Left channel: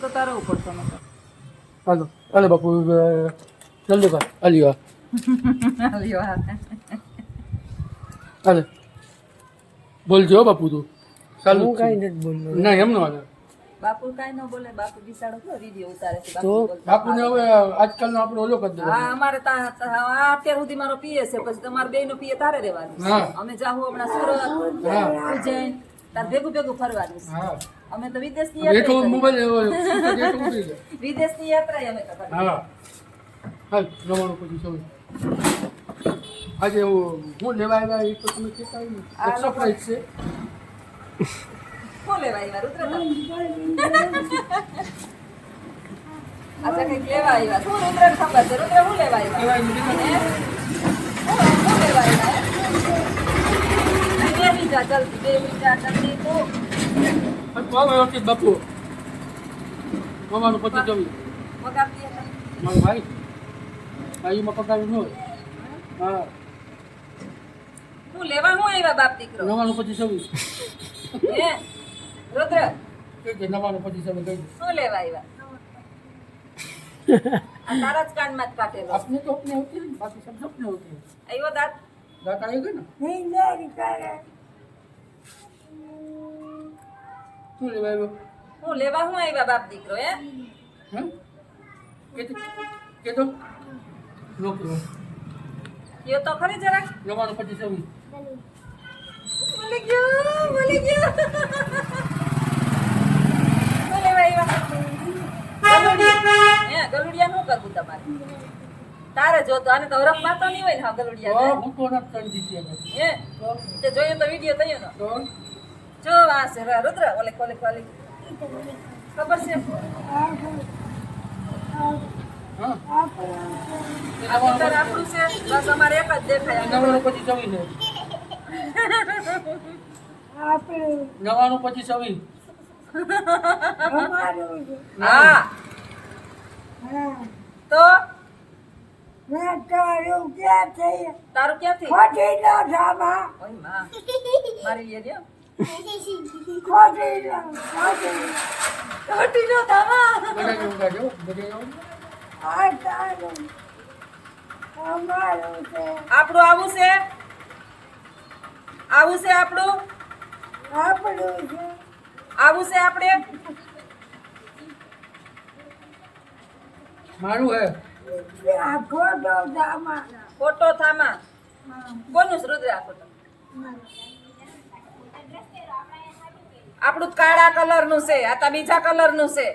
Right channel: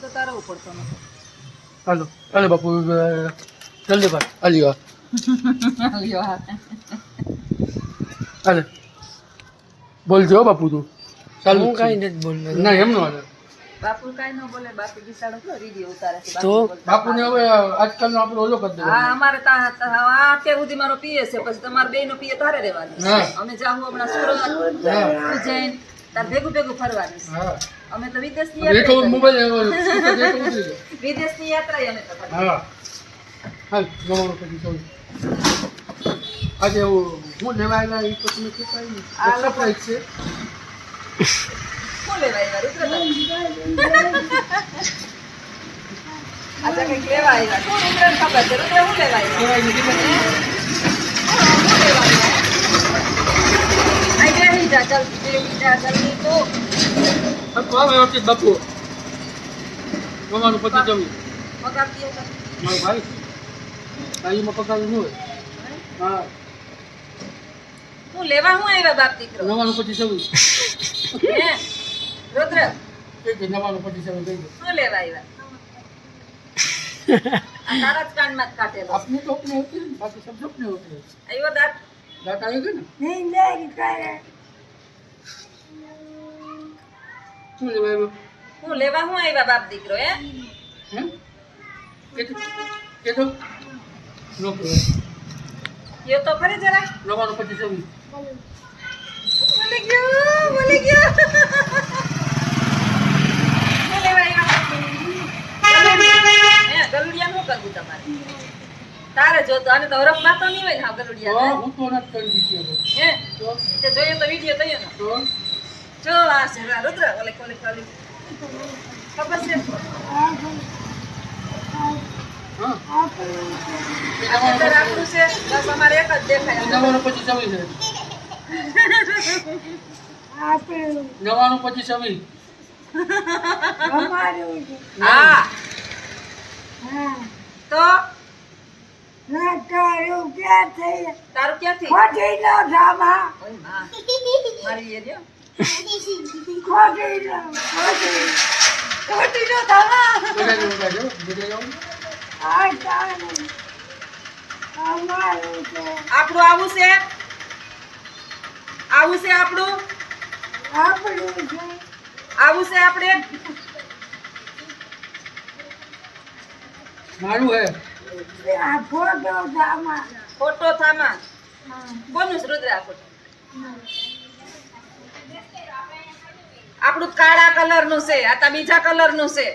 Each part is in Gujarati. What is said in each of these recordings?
તો તારો પડતો નતો. હાલો હાલો બાપુ જલ્દી કર હાલ્યો લ્યો હા. હાલે બોલજો હો બાપુ તું ચાલુ હું કાંઈ નથી બોલતો. ના એમ નો હાલે બાપુ કાંઈ ન બોલે. બાપુ બિસાડો તો રીડિયો ઉતારે છે. તો? બાપુને હવે આજકાલનો આપણે ઓલો કરી દેવાનો. હા અમારે અત્યાર સુધી મારો પીએ છે, પછી તમારે બે નો પીએ તારે રહેવાનું છે. હા. અમે જાહું હમણાં સુરત હા ઉજ્જૈન તાર ભેગું ભેગું ફરવાનું છે. હા અમે તો વિદેશની બેઠો યાત્રા મોબાઈલ ઉતરી જાય. વિદેશની યાત્રા અમે તો કરી. હા હાલ જવાનું પછી જોઈ આજે હું લેવા આવ્યા એ તો તમે કહેતા નહીં સરપ્રાઈઝ છે. શું લેવા આવ્યા રુદ્ર? અચ્છા કંઈક લેવા આવ્યા. શું રુદ્રને ખબર છે? રુદ્ર શું લેવા આવ્યા? કહેવાય નહીં કે શું લેવા આવ્યા? અહીં બેસી જા, ચાલ બેસી જા, જલ્દી તો. હવે વ્યવસ્થિત બાપુ જવાનું પછી જમી પગાર દે તો. મારો ભાઈ ભાઈમાં પગાર ન હોય હા શું લેવા શું આવ્યા બાપ દીકરો? જવાનું પછી જમી હે? રુદ્ર જવાનું પછી જમી ગઈ શું લેવા આવ્યા? આ તારા જ કાનમાં જ કાઢેલો છે. अपने तो अपने होते हैं बाकी सब अपने होते हैं આવ્યો દાંત? दांत आएगा ना શું લેવા આવ્યો શું લેવા શું આવ્યા બાપ દીકરો? હે? હે કે તો નોકરી એ તો ખરી જરા. જવાનું પછી જમી બોલી ગયો, બોલી ગયો. શું લેવા આવ્યા? ગલુડિયા. હે, ગલુડિયા શું કરવું તમારે? તારે જોતો આને તો હરફ માતો નહીં હોય ને હા તો ગલુડિયા. હું તો નથી કરી દીધી હે? તો તે જોઈએ તો વિડીયો થયો ને. તો જો આ છે રુદ્ર ઓલે કોલે કોલે ખબર છે? હા આ અંદર આપણું છે બસ અમારે એક જ દેખાય. જવાનું પછી જમી છે જવાનું પછી જમી હા તો તારું ક્યાંથી? ઓય માં મારી એ રહ્યો. ખોટી નો થામા. બધા જવું કાઢો બધા જવું આપણું આવું છે, આવું છે આપણું, આવું છે આપણે. મારું હે ફોટો થામા કોનું છે રુદ્ર? આ ફોટો આપણું કાળા કલર નું છે, આ તા બીજા કલર નું છે.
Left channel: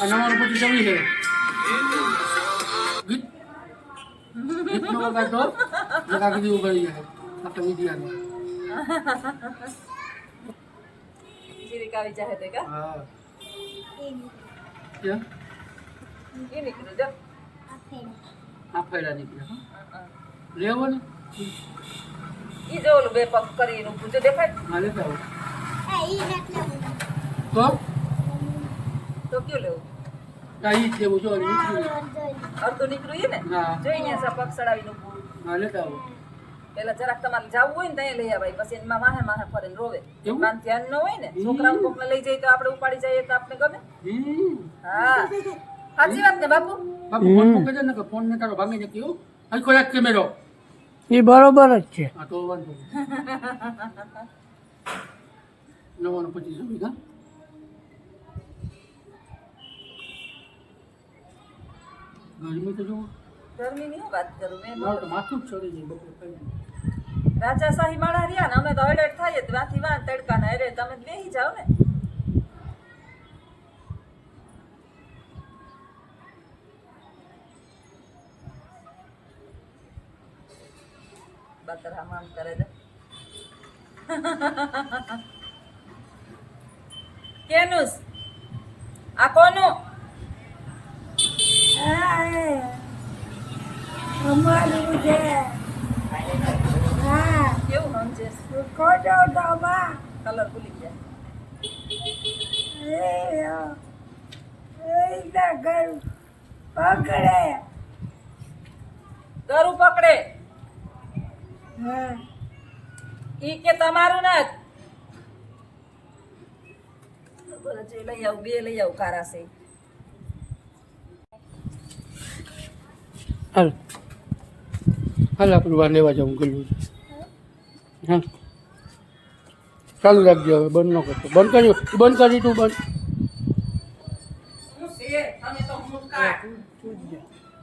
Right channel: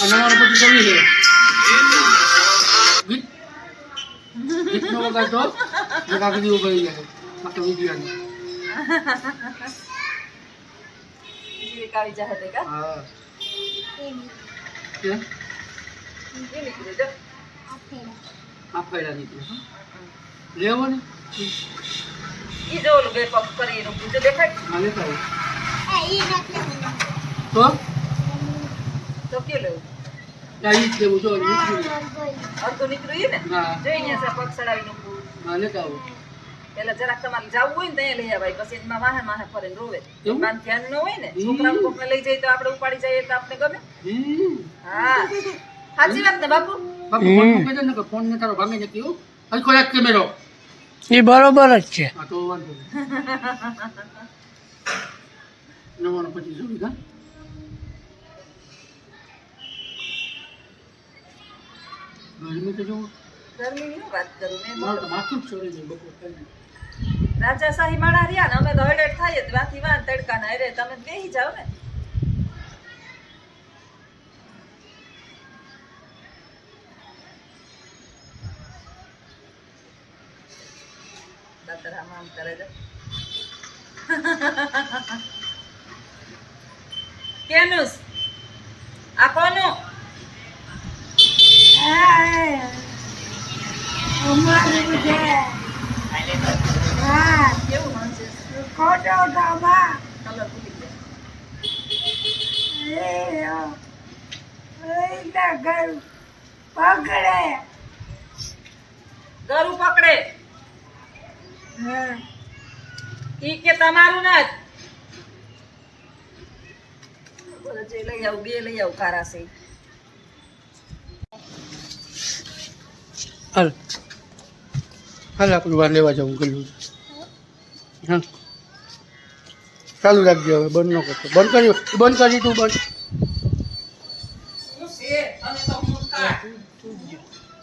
આ જવાનું પછી જમી છે ગીત ગીતનો વગાડતો જગા કદી ઉભરી જાય ફક્ત વિડીયાનો જીરીક આવી જાહે તે કા? હા કે એ નીકળ્યું જો. આ ફાયડા નીકળે હા લેવો ને ઈ જો ઓલું બે પગ કરીને ઊભું છે દેખાય? હા લેતા આવો તો કયું લેવું? આ ઈ જ લેવું જો નીકળ્યું અડધું નીકળ્યું ઈ ને? હા જોઈને છે પગ સડાવીને ઊભું. હા લેતા આવો પેલા જરાક તમારે જાવું હોય ને ત્યાં લઈ આવાય, પછી એમાં વાહે વાહે ફરે ને રોવે. એવું? કાન ધ્યાન ન હોય ને છોકરાઓ કોકને લઈ જાય તો આપણે ઉપાડી જઈએ તો આપણે ગમે. હા સાચી વાત ને બાપુ? બાપુ ફોન મૂકી દે ને કે ફોન ને તારો ભાંગી જતી હો હજી કોઈ એક કેમેરો એ બરોબર જ છે. હા તો વાંધો નહીં નવાનું પછી જમી હા ગરમી તો જોવો ગરમીની હું વાત કરું મેં મારું તો માથું જ ચડી જાય બપોર ખાઈને રાજાશાહી માળા રહ્યા ને અમે તો હળેટ થાય જ વાથી વાન તડકા ના અરે તમે બેસી જાઓ ને. બાતર આમ કરે છે. કેનુસ આ કોનું? કેવું નોનસેન્સ. કલર ભૂલી ગયા. ગરું પકડે ઈ કે તમારું ના જ બોલો જે લઈ આવું બે લઈ આવું કારા છે હાલ હાલ આપણે વાર લેવા જવું ગયું હા ચાલુ રાખજે હવે બંધ ન કરતો બંધ કરી તું બંધ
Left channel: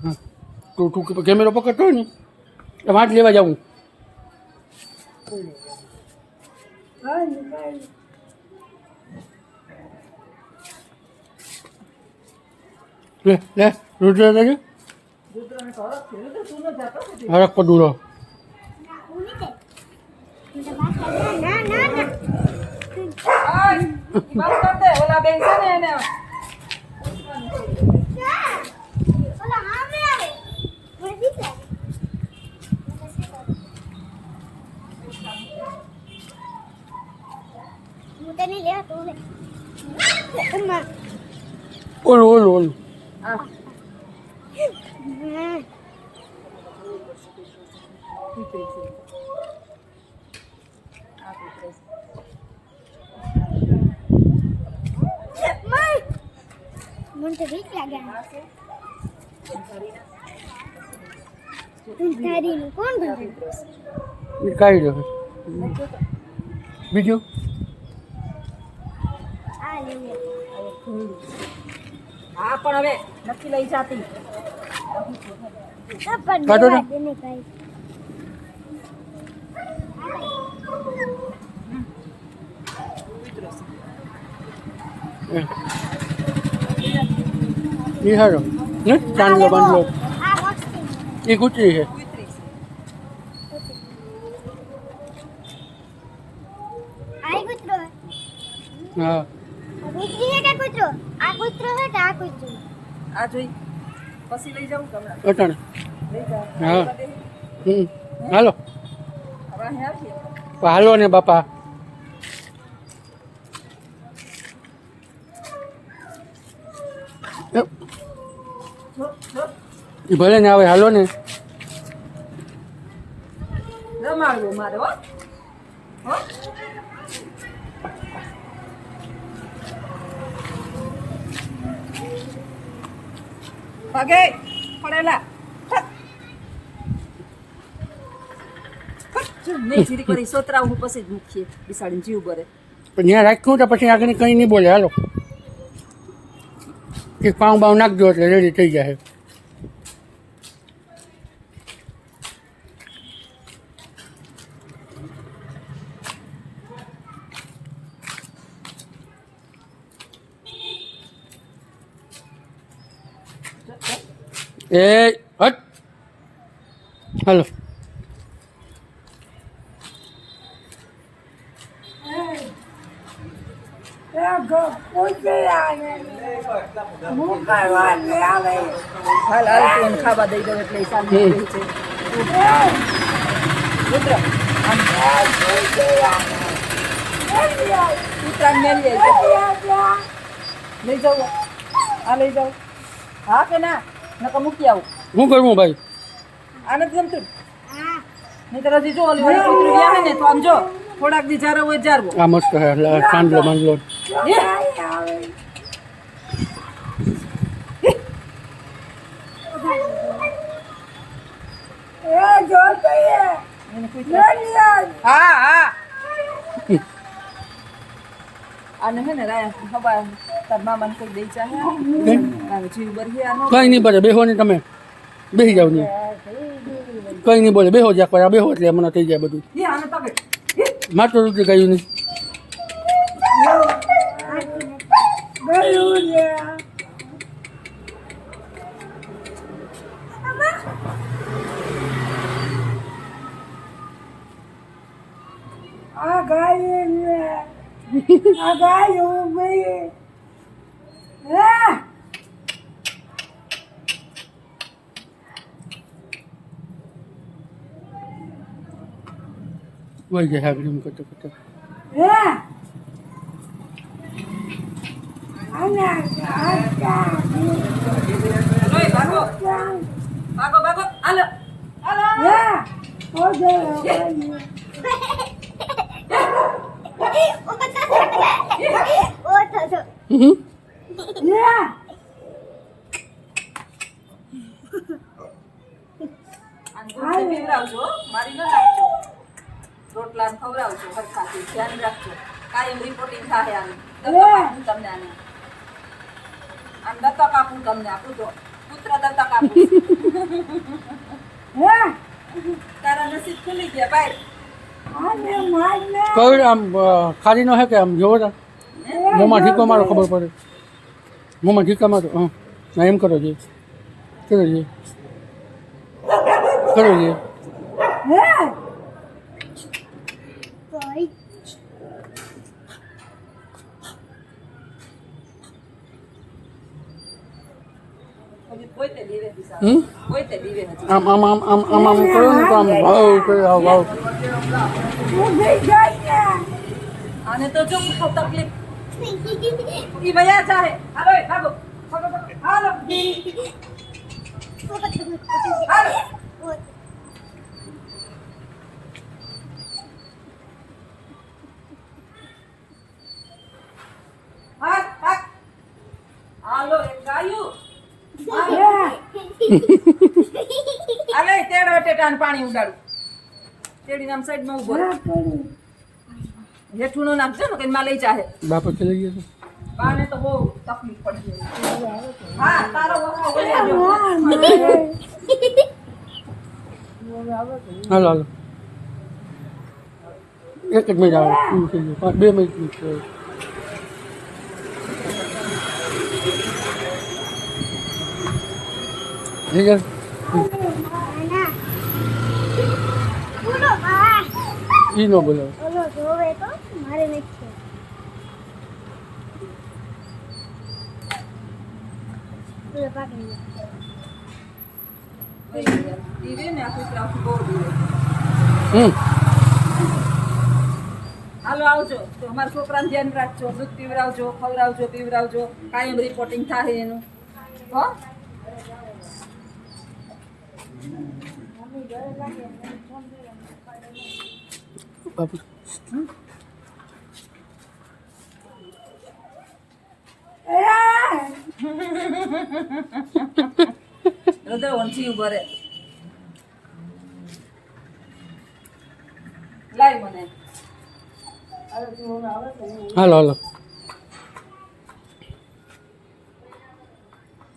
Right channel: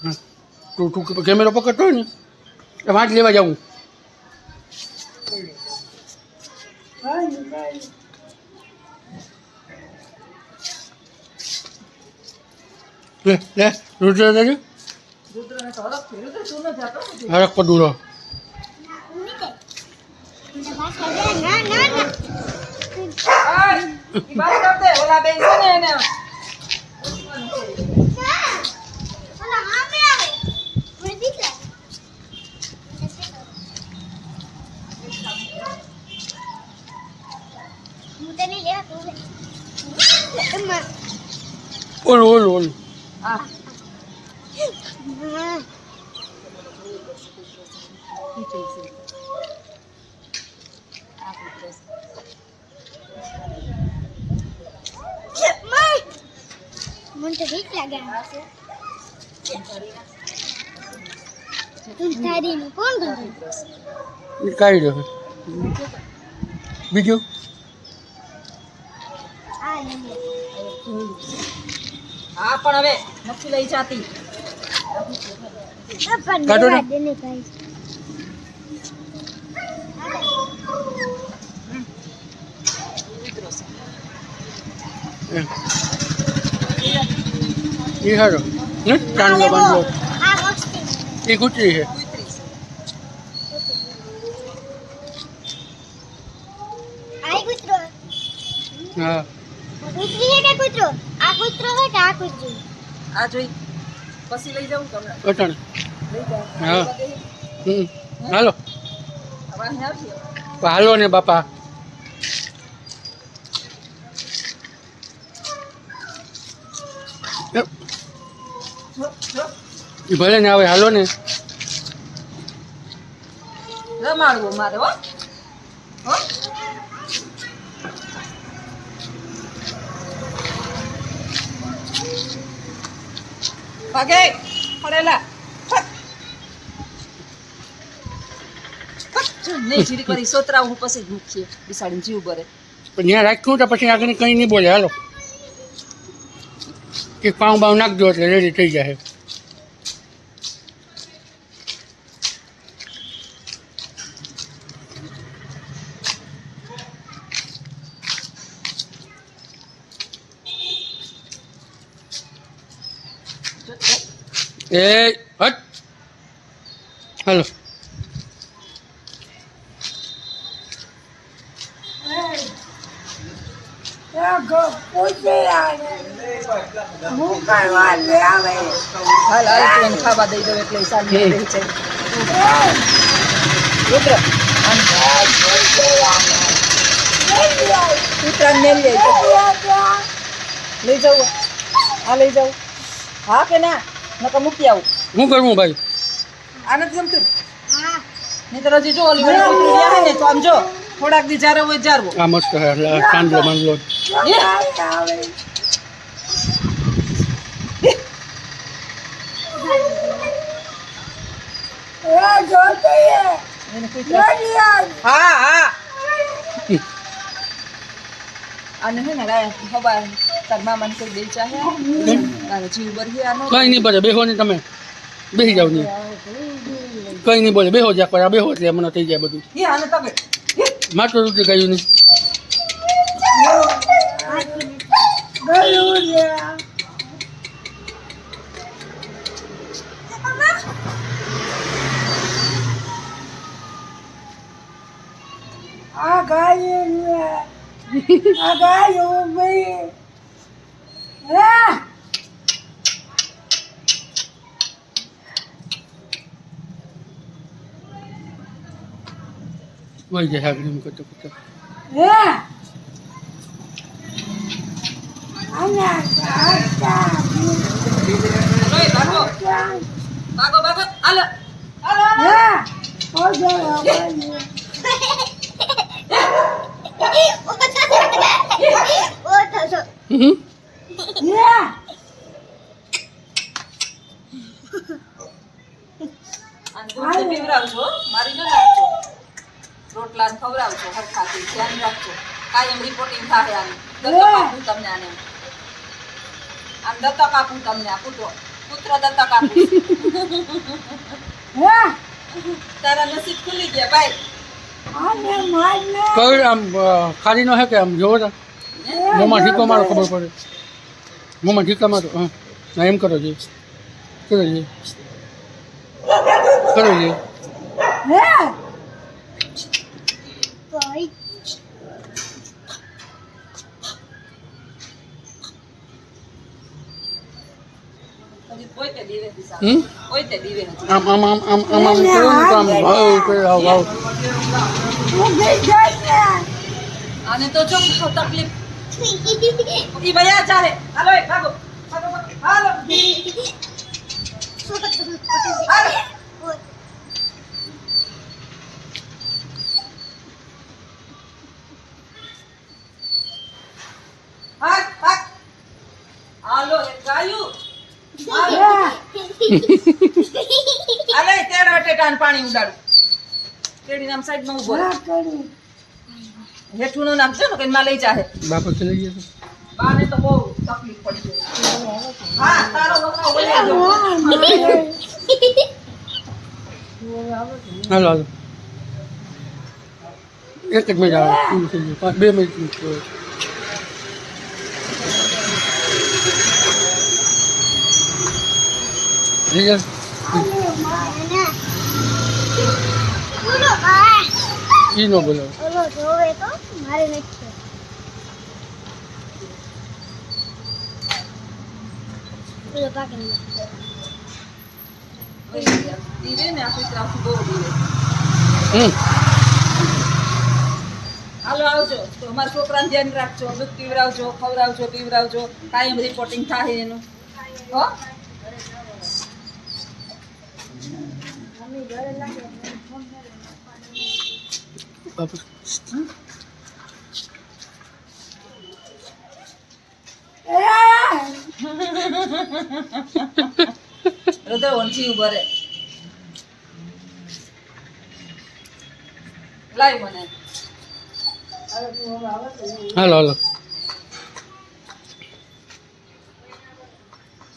હા તું કેમેરો પકડતો હોય ને એમાં જ લેવા જાઉં લે રુદ્ર દાદા રુદ્રને તો અલગ થયું તો તું ન જાતો ને હરક પદુડો ઈ વાત કર દે ઓલા બેન છે ને એને ઓલું આ મને તો બીક લાગે તું થારીનું કોણ ઘરે કાઢી દો બીજું આ લઈ હા પણ હવે નથી લઈ જાતી પણ કાઢો ને. દેવા દે ને ભાઈ એ હારો ને ચાંદલો બાંધલો આ વસ્તી એ કૂતરી છે કુતરી છે આ કૂતરો હા કૂતરી છે કે કૂતરો આ કૂતરો છે કે આ કૂતરી આ જોઈ પછી લઈ જાઉં કે હમણાં અટાણે લઈ જાઉં હા. આ બધે હાલો હવે અહીંયા આવીએ હાલો ને બાપા જો જો એ ભલે ને આવે હાલો ને રમાડવું મારે હો હો ભાગે પડેલા નહીં જીરી કરી સોતરા હું પછી જ મૂકીએ બિસાડીને જીવ ભરે પણ ત્યાં રાખ્યું તો પછી આગળ કંઈ નહીં બોલે હાલો એક પાઉં બાઉં નાખજો એટલે રેડી થઈ જાય એ હટ હાલો હાલ હાલ તું એને ખાવા દઈ દઉં એટલે ઈ શાંતિ રહી છે રુદ્ર કૂતરાને મેલી આવી લઈ જાઉં હા લઈ જાઉં હા કે ના નકર મૂકી આવું શું કરવું ભાઈ આ નથી ગમતું હા નહીં તો હજી જો ઓલી વાળી કૂતરી આવે ને તો આમ જો થોડાક દી જારો હોય જારવો આ મસ્ત હે ચાંદલો બાંધલો એને કૂતરા હા હા અને હે ને હવા તાર મામાને કોઈ દે ચાહે તારે જીવ બરહી આનો કંઈ નહીં બોલે બેહો ને તમે બેસી જાવ નહીં કંઈ નહીં બોલે બેહો જ્યાં પર બેહો એટલે મને થઈ જાય બધું હે આને તબે માત્ર રૂપિયા કહ્યું નહીં વહી જાય આગળ એમ કરતો કરતો હલો એ ભાગો ભાગો ભાગો હાલો હાલો ઓ થતો હમ. અને દૂધથી પીવડાવજો હો. મારી ન નાખજો. રોટલા ને ખવડાવજો હરખાથી ધ્યાન રાખજો. કાયમ રિપોર્ટિંગ થાય આની. દત્તક આપું તમને આને. આને દત્તક આપું તમને આપું તો પુત્ર દત્તક આપું. તારા નસીબ ખુલી ગયા ભાઈ. કઈ આમ ખાલી નો હે કે આમ જોવો તો મોંમાં ઢીકો મારો ખબર પડે. મોંમાં ઢીકા મારો હા ના એમ કરો જી કરો જી કરો જી ભાઈ હજી કોઈ તે દીવે થી સારું. હમ કોઈ તે દીવે હજી. આમ આમ આમ આમ આમ આમ કરો ને તો આમ વાવ કરે વાવ આને તો જો બહુ તકલીફ. ઈ ભૈયા ચાહે. હાલો એ ભાગો. ભાગો ભાગો. હાલો. હાલો. ભાગ ભાગ. હાલો એ ગાયું. હાલો. હાલો એ તેડ વટેટાનું પાણી ઉડાડું. કેડી નામ સાઈડમાં ઊભો રહે. જેઠુંનું નામ છે ને કઈ માં લઈ જાહે. બાપા ચલી ગયા બાને તો બહુ તકલીફ પડી ગઈ. હા તારો વખાવ બોલ્યા જો. હાલો હાલો એક જ મિનિટ આવે પૂરું થઈ ગયું 2 મિનિટ થઈ જાય બોલો ભાઈ ઈ નો બોલાવો ઓલો જોવે તો મારે નથી બોલો પાકી દીવે ને આ કૂતરાથી બહુ દીવે. હમ હાલો આવજો તો અમારા છોકરાને ધ્યાન રાખજો. દૂધ પીવડાવજો ખવડાવજો પીવડાવજો. કાયમ રિપોર્ટિંગ થાય એનું હો. બાપા હૃદય વંશી ઉભો રે. લાઈ મને હાલો હાલો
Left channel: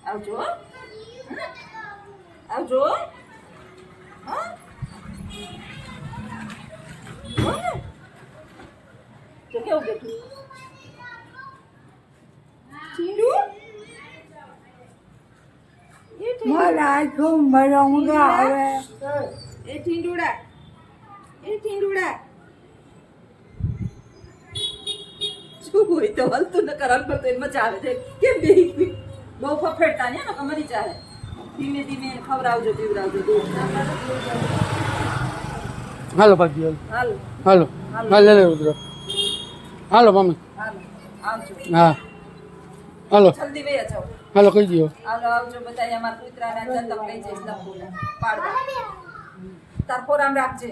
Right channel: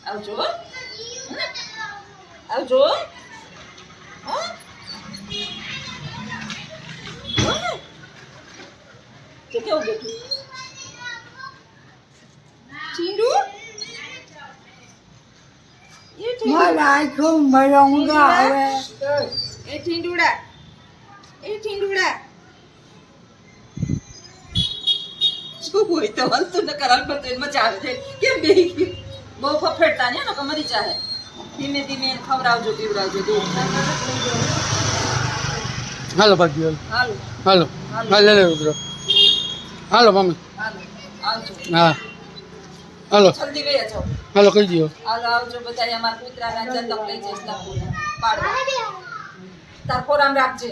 આવજો હો. આવજો હો. હો ને? કે કેવું બેઠું ચીંડું મારા આંખો મારા ઊંઘા આવે એ ઠીંડુડા શું હોય તો હલતું ન કર હલતું એને મજા આવે છે. કેમ બેહી ગયું? બહુ ફફેડતા ને લોકો મરી જાય. ધીમે ધીમે એને ખવડાવજો પીવડાવજો દૂધ. હાલો બાકી હાલો હાલો હાલો હાલો લે ઉતરો હાલો મમ્મી હાલો આવજો હા હાલો જલ્દી વયા જાઓ. હાલો કહી દો હાલો આવજો બધા અમારા કૂતરાના જતક લઈ જઈશ લખુને પાડવા. તાર ખોરામ રાખજે.